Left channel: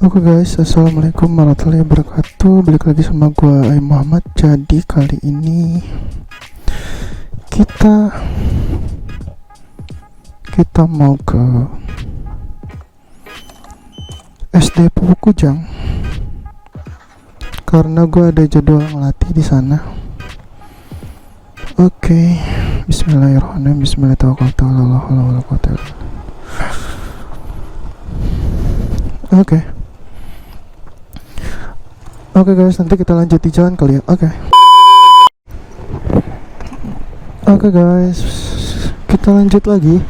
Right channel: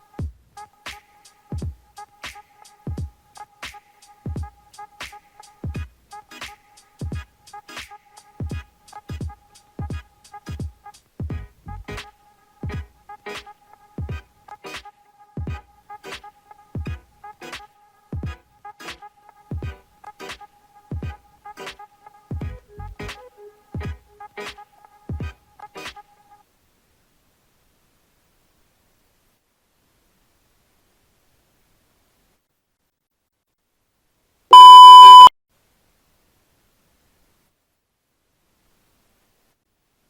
Oke guys, assalamualaikum warahmatullahi wabarakatuh. Balik lagi sama gua Muhammad. Jadi kali ini kita mau ke SD Pupuk Kujang karena gua ada jadwal ngelatih di sana. Oke, Bismillahirrahmanirrahim. Bismillahirrahmanirrahim. Oke guys, nanti kita lanjut di jalan kali ya. Oke guys, kita lanjut lagi.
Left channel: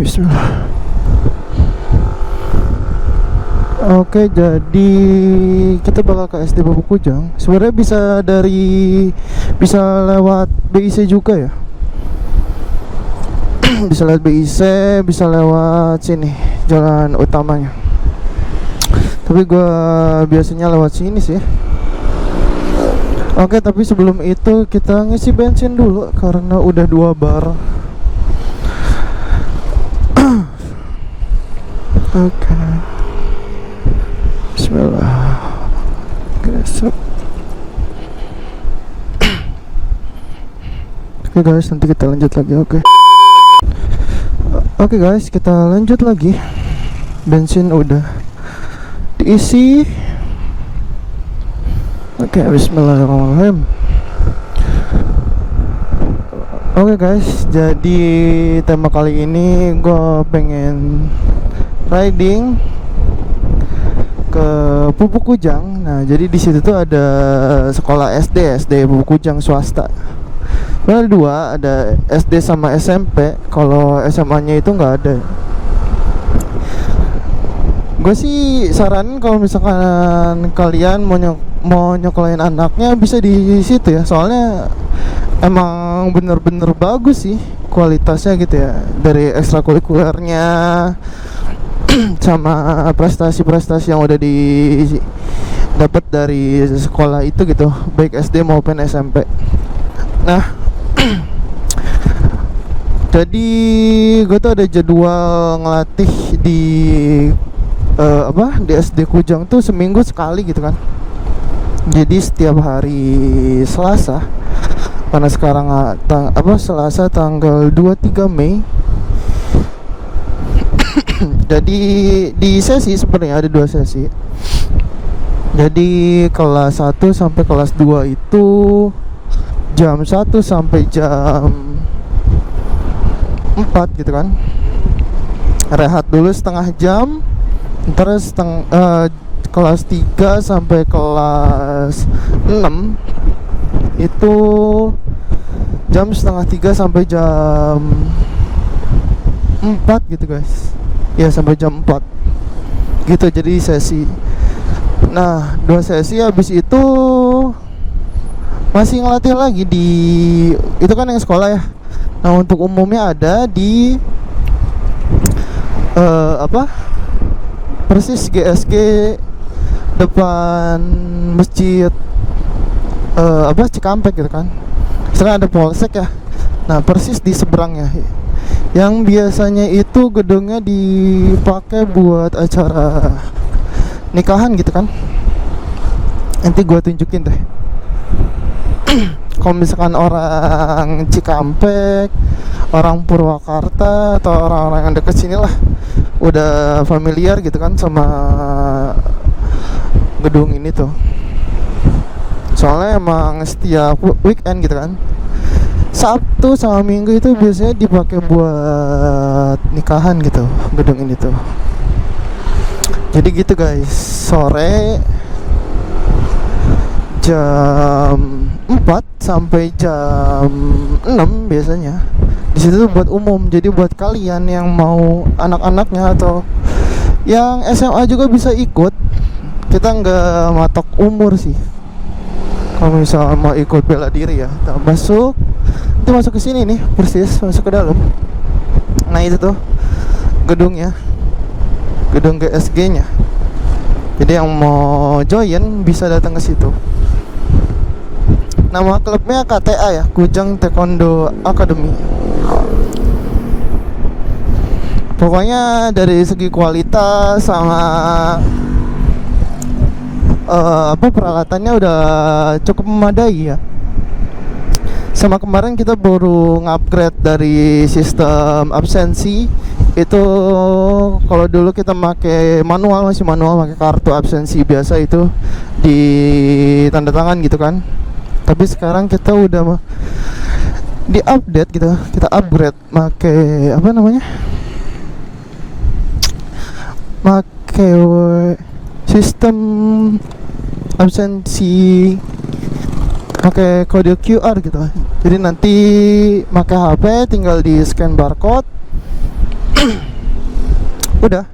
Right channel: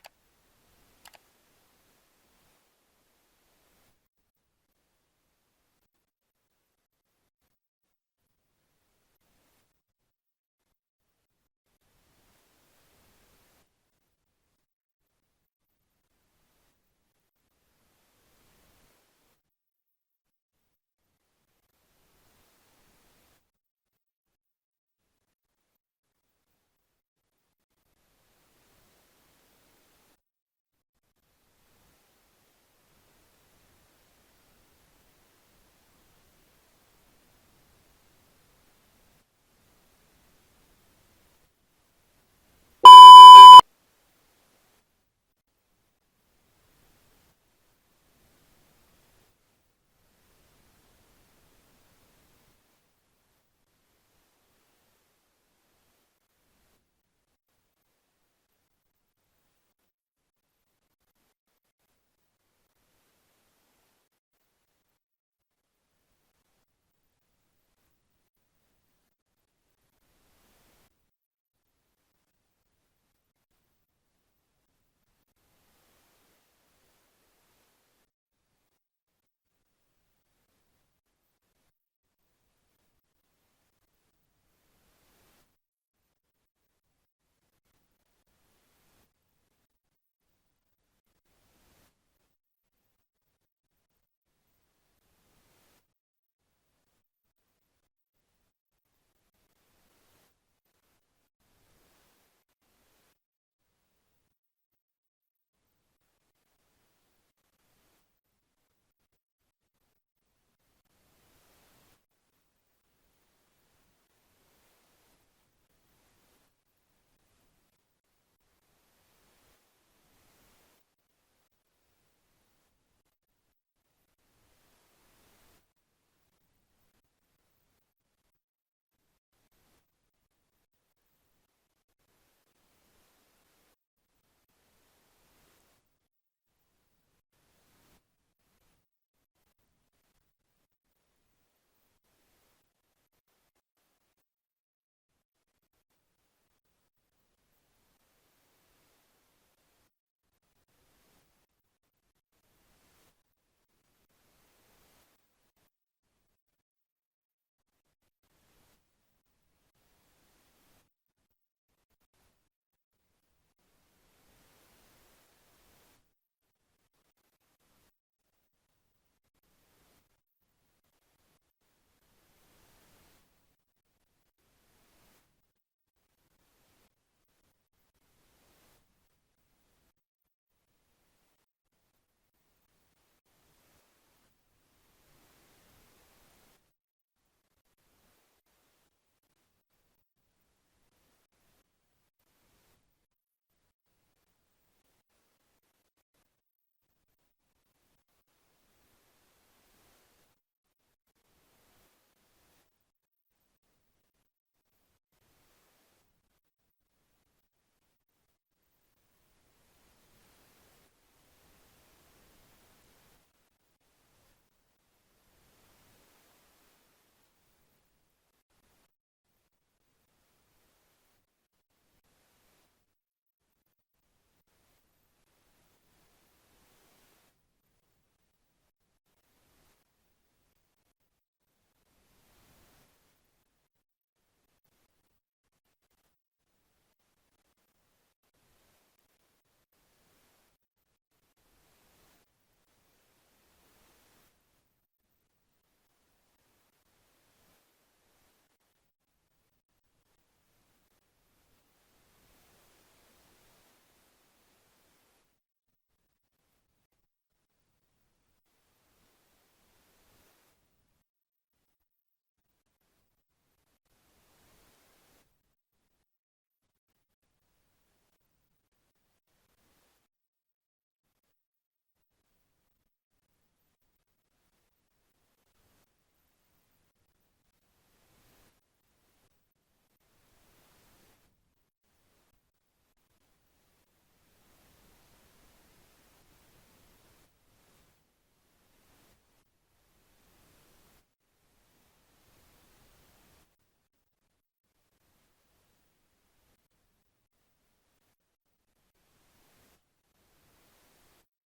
Bismillah. Jadi kita bakal ke SD Pupuk Kujang. Sebenarnya bisa lewat BIC juga ya. Bisa lewat BIC, bisa lewat sini jalan utamanya. Tapi gue biasanya lewat sini sih. Tapi sebelum itu kita ngisi bensin dulu karena udah 2 bar. Bismillah. Guys, nanti kita lanjut lagi. Oke guys, kita lanjut lagi. Bensin udah diisi. Bismillahirrahmanirrahim. Guys, jadi tema kali ini gue pengen riding ke Pupuk Kujang. Nah, jadi di situ tuh ada sekolah SD Pupuk Kujang swasta. Ada 2, ada SD sama SMP. Kalau SMA-nya itu nggak ada. Gue sih saranin kalau misalkan kalian mau nyokolain anaknya bisa di situ ya. Soalnya emang bener-bener bagus sih kualitasnya gitu ya, dari ekstrakurikulernya sama prestasi-prestasi yang udah dapat dari sekolah itu gitu, baik SD maupun SMP. Nah, jadi gue tuh ada jadwal ngelatih di di SD Kujang tuh seminggu sekali gitu kan. Jadi setiap hari Selasa, karena sekarang Selasa tanggal 23 Mei. Jadi di sesi sebenarnya ada 2 sesi. Jadi kelas 1 sampai kelas 2 itu jam 1 sampai jam 4 gitu kan. Rehat dulu setengah jam. Terus kelas 3 sampai kelas 6 itu jam setengah 3 sampai jam 4 gitu guys. Ya, sampai jam 4 gitu, jadi sesi. Nah, 2 sesi habis itu masih ngelatih lagi di itu kan yang sekolah ya. Nah, untuk umumnya ada di persis GSG depan masjid Cikampek gitu kan. Sekarang ada polsek ya. Nah, persis di seberangnya. Yang biasanya itu gedungnya dipakai buat acara nikahan gitu kan. Nanti gua tunjukin deh. Kalau misalkan orang Cikampek, orang Purwakarta, atau orang-orang yang deket sini lah udah familiar gitu kan sama gedung ini tuh. Soalnya emang setiap weekend gitu kan, Sabtu sama Minggu itu biasanya dipakai buat nikahan gitu, gedung ini tuh. Jadi gitu guys, sore jam 4 sampai jam 6 biasanya. Di situ tuh buat umum. Jadi buat kalian yang mau anak-anaknya atau yang SMA juga bisa ikut. Kita nggak matok umur sih. Kalau misalnya mau ikut bela diri ya, kita masuk ke sini nih, persis masuk ke dalam. Nah, itu tuh gedungnya, gedung GSG-nya. Jadi yang mau join bisa datang ke situ. Nama klubnya KTA ya, Kujang Taekwondo Academy. Pokoknya dari segi kualitas sama peralatannya udah cukup memadai ya. Sama kemarin kita baru ngupgrade dari sistem absensi. Itu kalau dulu kita masih manual, pakai kartu absensi biasa itu di tanda tangan gitu kan. Tapi sekarang kita udah di update gitu, kita upgrade pakai sistem absensi pakai kode QR gitu. Jadi nanti pakai HP tinggal di scan barcode udah.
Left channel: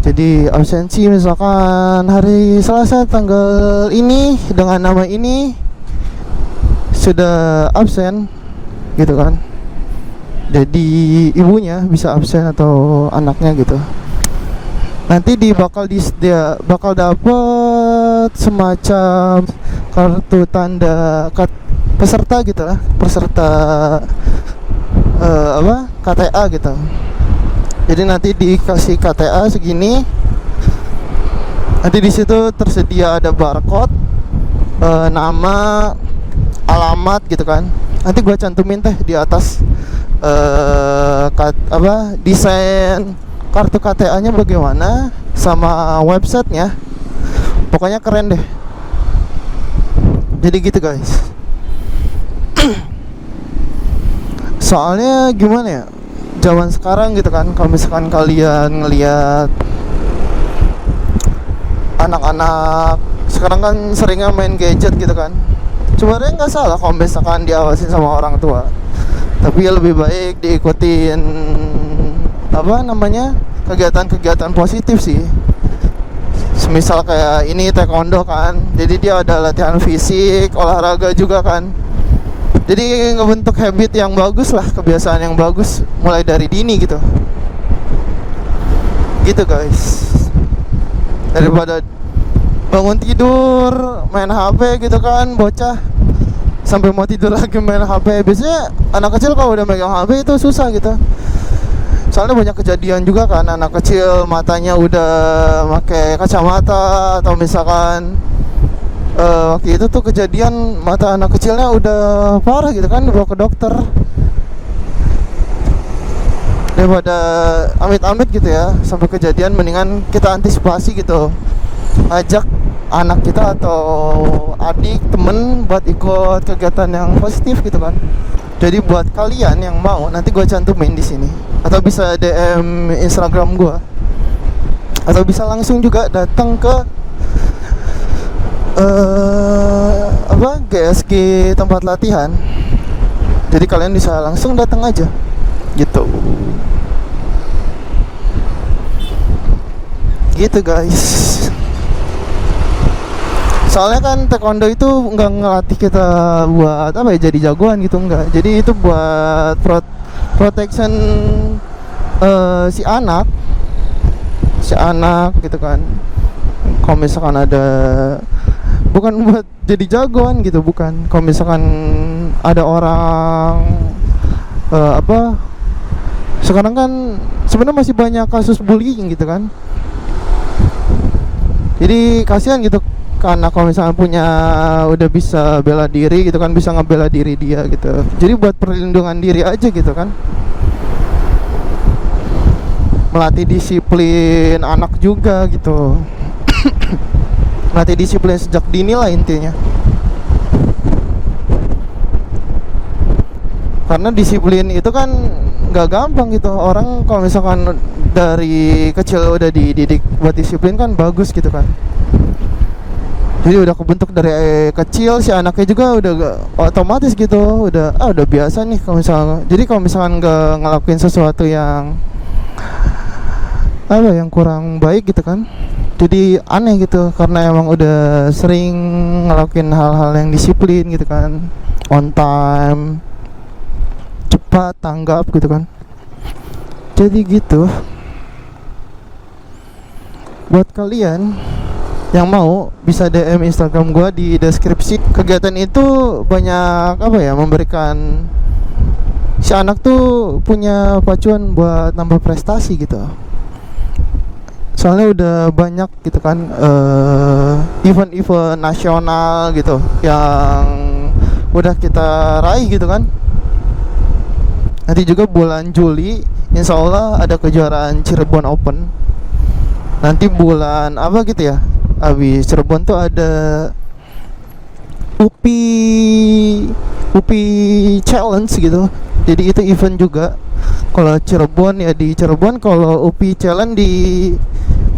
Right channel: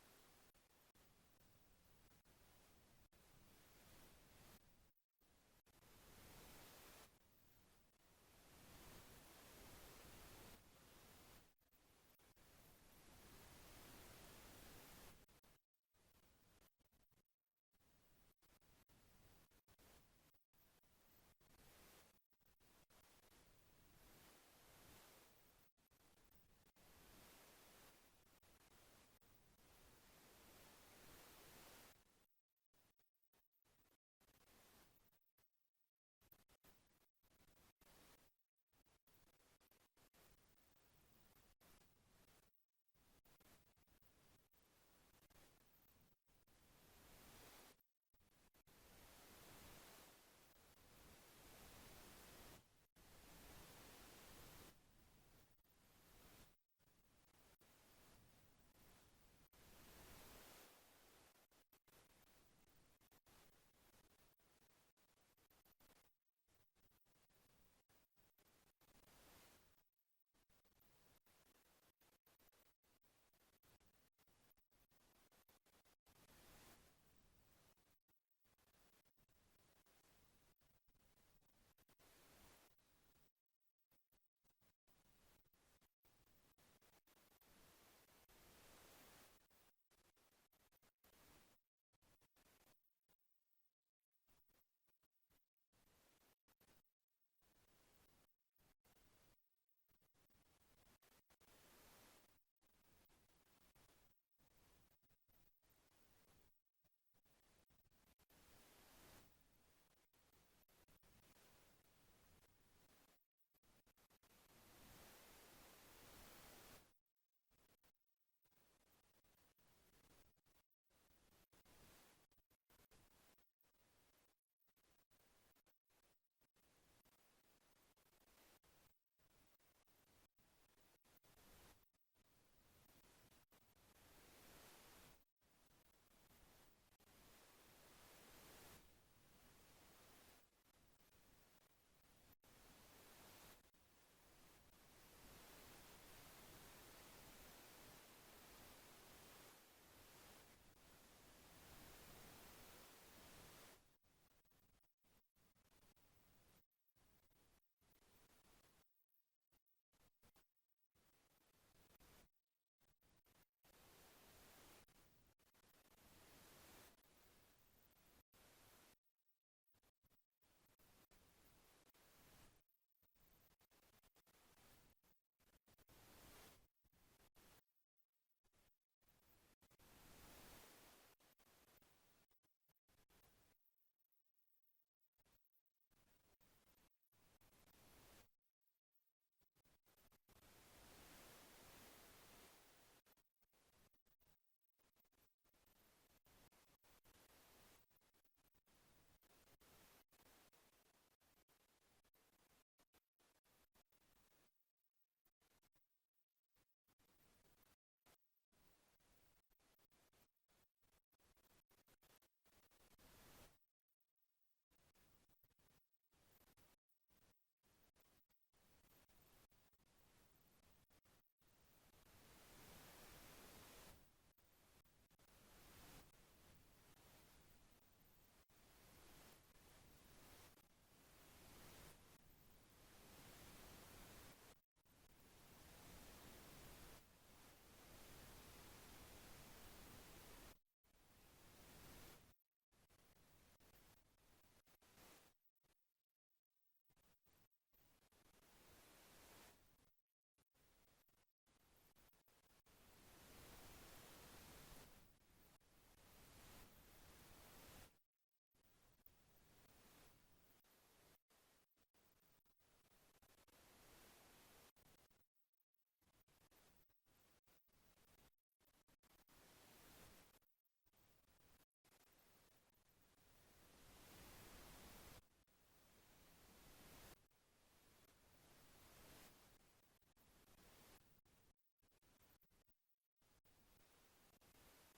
Jadi absensi misalkan hari Selasa tanggal ini dengan nama ini sudah absen gitu kan. Jadi ibunya bisa absen atau anaknya gitu. Nanti bakal dapet semacam kartu tanda peserta gitu lah, KTA gitu. Jadi nanti dikasih KTA segini. Nanti di situ tersedia ada barcode, nama, alamat gitu kan. Nanti gua cantumin di atas desain kartu KTA-nya bagaimana sama websitenya. Pokoknya keren deh. Jadi gitu guys. Soalnya gimana ya, zaman sekarang gitu kan, kalau misalkan kalian ngelihat anak-anak sekarang kan seringnya main gadget gitu kan. Sebenarnya nggak salah kalau misalkan diawasin sama orang tua, tapi ya lebih baik diikutin kegiatan-kegiatan positif sih. Semisal kayak ini taekwondo kan, jadi dia ada latihan fisik, olahraga juga kan. Jadi ngebentuk habit yang bagus lah, kebiasaan yang bagus mulai dari dini gitu. Gitu guys. Daripada bangun tidur main HP gitu kan, bocah sampai mau tidur lagi main HP. Biasanya anak kecil kalau udah megang HP itu susah gitu. Soalnya banyak kejadian juga kan, anak kecil matanya udah pakai kacamata, atau misalkan waktu itu tuh kejadian mata anak kecilnya udah parah gitu kan, dibawa ke dokter. Daripada amit-amit gitu ya sampai kejadian, mendingan kita antisipasi gitu, ajak anak kita atau adik, temen buat ikut kegiatan yang positif gitu kan. Jadi buat kalian yang mau, nanti gue cantumin di sini, atau bisa DM Instagram gue, atau bisa langsung juga datang ke GSG tempat latihan. Jadi kalian bisa langsung datang aja gitu. Gitu guys. Soalnya kan taekwondo itu nggak ngelatih kita buat jadi jagoan gitu, enggak. Jadi itu buat protection si anak gitu kan. Kalau misalkan ada, bukan buat jadi jagoan gitu, bukan. Kalau misalkan ada orang sekarang kan sebenarnya masih banyak kasus bullying gitu kan. Jadi kasihan gitu, karena kalau misalnya udah bisa bela diri gitu kan, bisa ngebela diri dia gitu. Jadi buat perlindungan diri aja gitu kan. Melatih disiplin anak juga gitu. Melatih disiplin sejak dini lah intinya. Karena disiplin itu kan gak gampang gitu. Orang kalau misalkan dari kecil udah dididik buat disiplin kan bagus gitu kan. Jadi udah kebentuk dari kecil, si anaknya juga udah otomatis gitu, udah biasa nih kalau misalkan. Jadi kalau misalkan nggak ngelakuin sesuatu yang yang kurang baik gitu kan, jadi aneh gitu, karena emang udah sering ngelakuin hal-hal yang disiplin gitu kan, on time, cepat tanggap gitu kan. Jadi gitu. Buat kalian yang mau bisa DM Instagram gua di deskripsi. Kegiatan itu banyak memberikan si anak tuh punya pacuan buat nambah prestasi gitu. Soalnya udah banyak gitu kan event-event nasional gitu yang udah kita raih gitu kan. Nanti juga bulan Juli insya Allah ada kejuaraan Cirebon Open. Nanti bulan apa gitu ya, habis Cirebon tuh ada UPI Challenge gitu. Jadi itu event juga. Kalau Cirebon ya di Cirebon, kalau UPI Challenge di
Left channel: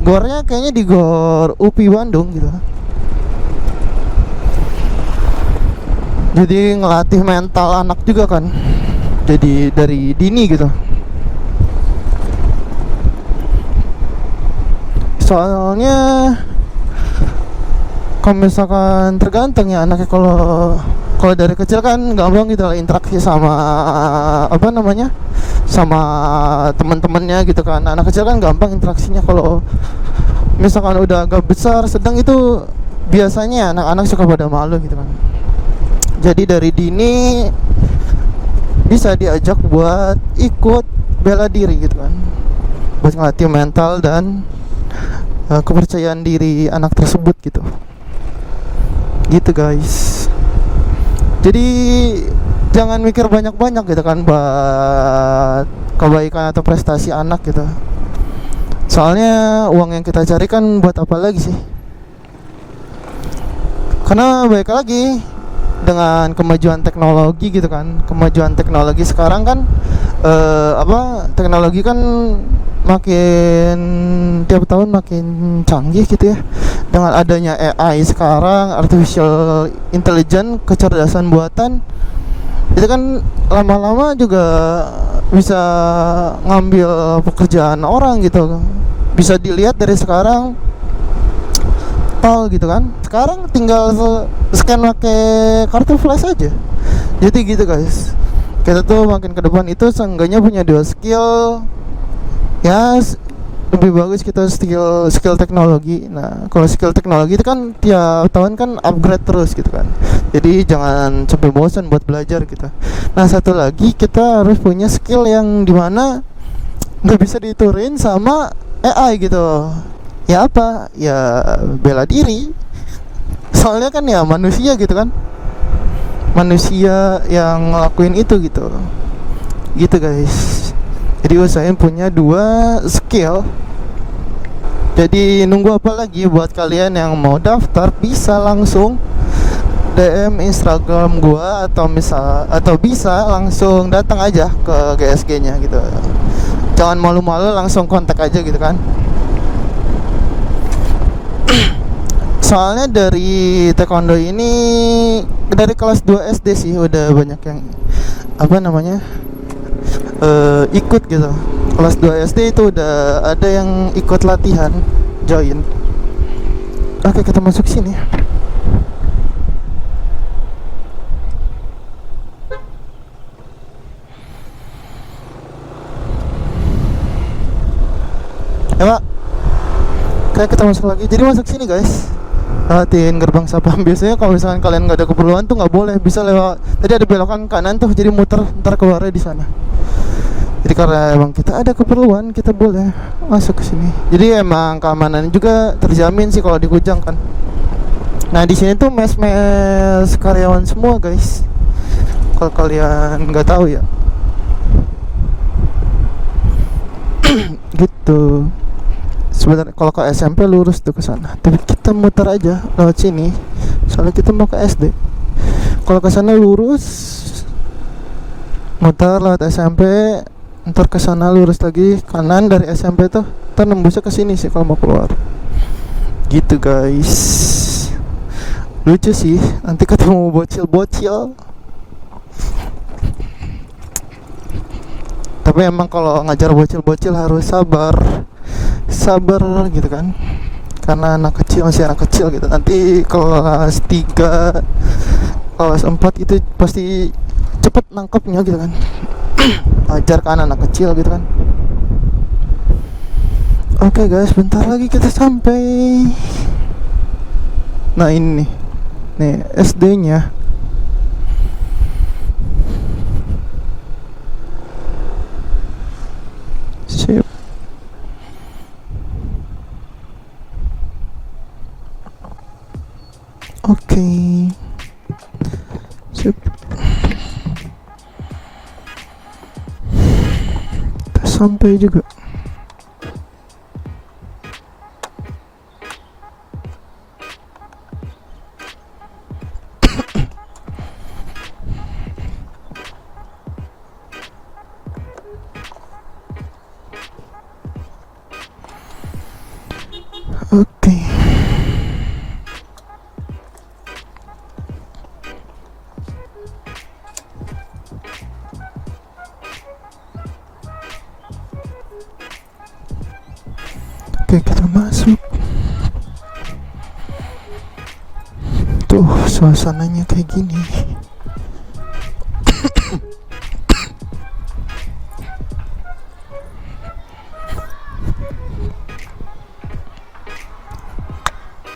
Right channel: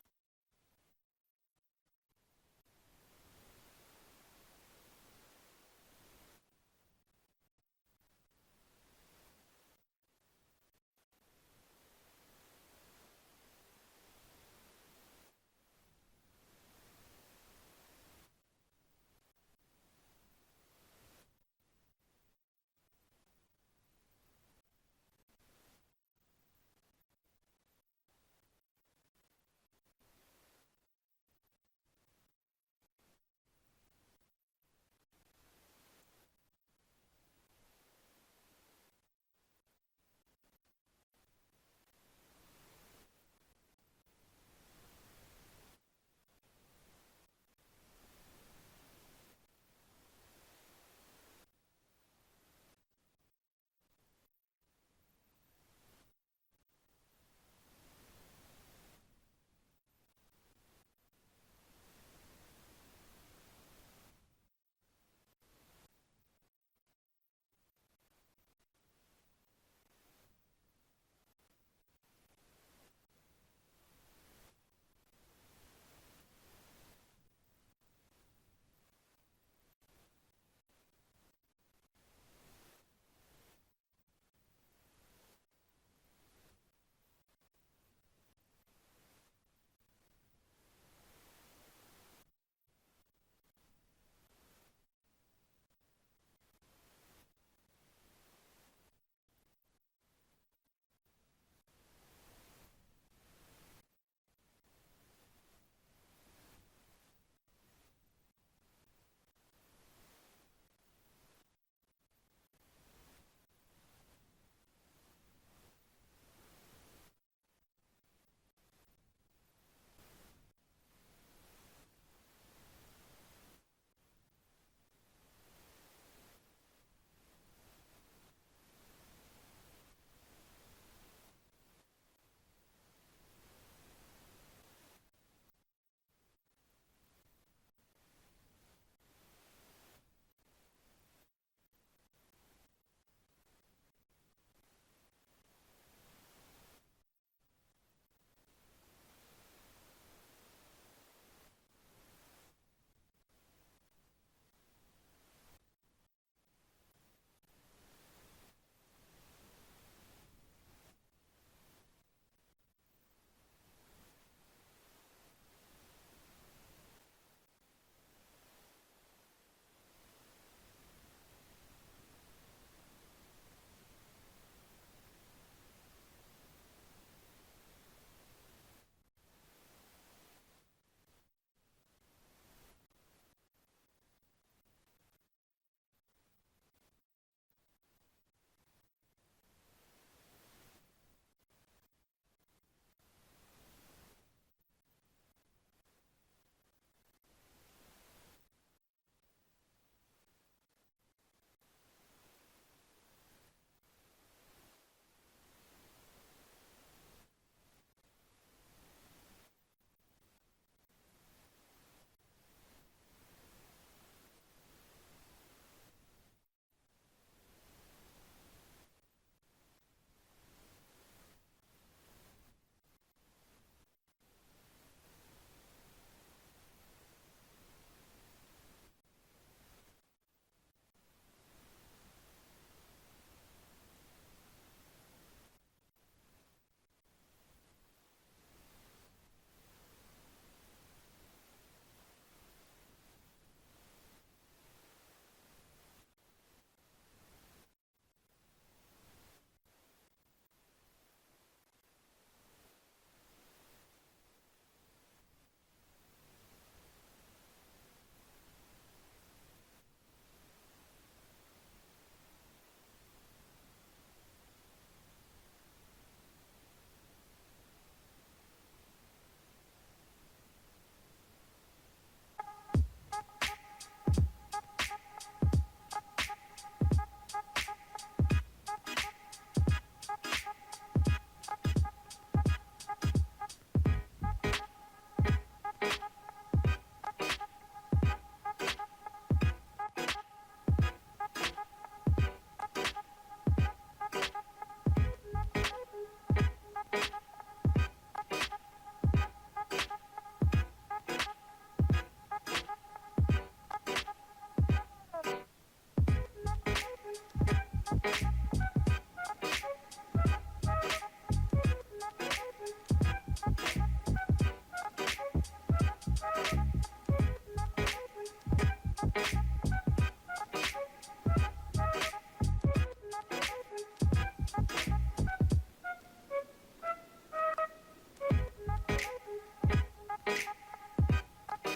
gornya kayaknya di gor UPI Bandung gitu. Jadi ngelatih mental anak juga kan. Jadi dari dini gitu. Soalnya kalau misalkan tergantung ya anaknya, kalau dari kecil kan gampang gitu lah interaksi sama apa namanya, sama teman-temannya gitu kan. Anak kecil kan gampang interaksinya. Kalau misalkan udah agak besar sedang itu biasanya anak-anak suka pada malu gitu kan. Jadi dari dini bisa diajak buat ikut bela diri gitu kan, buat ngelatih mental dan kepercayaan diri anak tersebut gitu. Gitu guys. Jadi jangan mikir banyak-banyak gitu kan buat kebaikan atau prestasi anak gitu. Soalnya uang yang kita cari kan buat apa lagi sih? Karena baik lagi dengan kemajuan teknologi gitu kan. Kemajuan teknologi sekarang kan teknologi kan makin tiap tahun makin canggih gitu ya. Dengan adanya AI sekarang, artificial intelligence, kecerdasan buatan, itu kan lama-lama juga bisa ngambil pekerjaan orang gitu. Bisa dilihat dari sekarang tol gitu kan. Sekarang tinggal scan pakai kartu flash aja. Jadi gitu guys. Kita tuh makin ke depan itu seenggaknya punya dua skill. Ya lebih bagus kita skill teknologi. Nah kalau skill teknologi itu kan tiap tahun kan upgrade terus gitu kan. Jadi jangan sampai bosan buat belajar gitu. Nah satu lagi kita harus punya skill yang dimana nggak bisa diturin sama AI gitu. Ya apa? Ya bela diri. Soalnya kan ya manusia gitu kan, manusia yang ngelakuin itu gitu. Gitu guys. Jadi usahain punya dua skill. Jadi nunggu apa lagi? Buat kalian yang mau daftar bisa langsung DM Instagram gua atau bisa langsung datang aja ke GSG-nya gitu. Jangan malu-malu, langsung kontak aja gitu kan. Soalnya dari taekwondo ini dari kelas 2 SD sih udah banyak yang apa namanya ikut gitu. Kelas 2 SD itu udah ada yang ikut latihan, join. Oke, kita masuk sini. Ya Pak, kayak kita masuk lagi. Jadi masuk sini guys, lewatin gerbang Sapam. Biasanya kalau misalkan kalian nggak ada keperluan tuh nggak boleh, bisa lewat. Tadi ada belokan kanan tuh, jadi muter ntar keluarnya di sana. Jadi karena emang kita ada keperluan, kita boleh masuk ke sini. Jadi emang keamanan juga terjamin sih kalau di Kujang kan. Nah di sini tuh mes-mes karyawan semua guys. Kalau kalian nggak tahu ya. Gitu. Sebenarnya kalau ke SMP lurus tuh ke sana. Tapi kita muter aja lewat sini. Soalnya kita mau ke SD. Kalau ke sana lurus, muter lewat SMP. Ntar ke sana lurus lagi kanan dari SMP tuh, ntar nembusnya ke sini sih kalau mau keluar. Gitu guys. Lucu sih, nanti ketemu bocil-bocil. Tapi emang kalau ngajar bocil-bocil harus sabar gitu kan. Karena anak kecil, masih anak kecil gitu. Nanti kelas 3, kelas 4 itu pasti cepet nangkepnya gitu kan. Ajar kan anak kecil gitu kan. Oke guys, bentar lagi kita sampai. Nah ini nih SD-nya. Oke. Sip. Udah sampai juga. Oke. Oke, kita masuk. Tuh, suasananya kayak gini.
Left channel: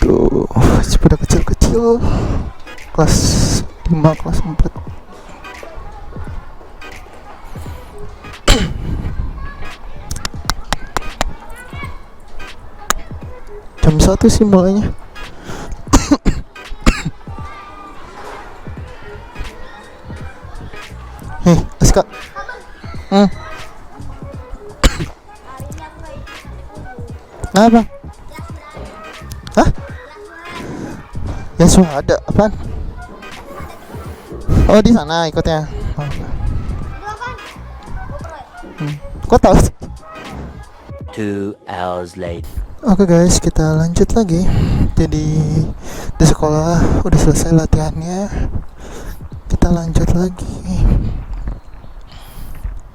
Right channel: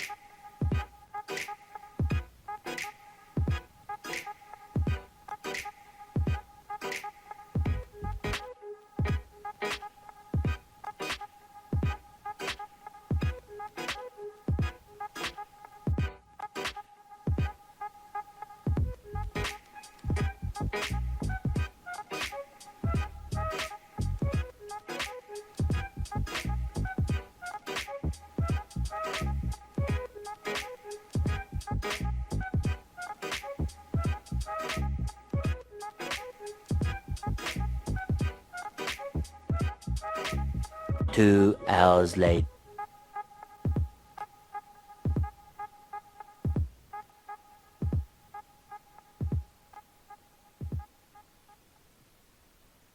Tuh, sepeda kecil-kecil. Kelas 5, kelas 4. Jam 1 sih mulainya. Hei, Aska. Apa? Hah? Ya sudah ada, apaan? Oh, di sana ikutnya. Kok tahu? 2 hours later. Oke guys, kita lanjut lagi. Jadi di sekolah udah selesai latihannya. Kita lanjut lagi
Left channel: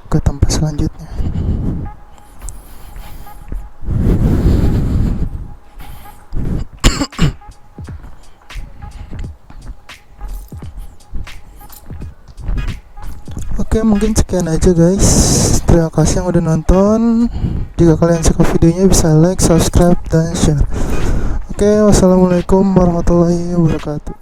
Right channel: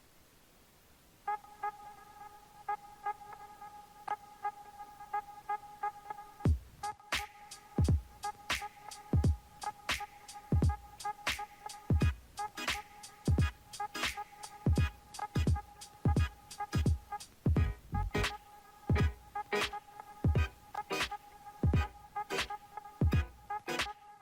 ke tempat selanjutnya. Oke, mungkin sekian aja guys. Terima kasih yang udah nonton. Jika kalian suka videonya bisa like, subscribe, dan share. Oke, wassalamualaikum warahmatullahi wabarakatuh.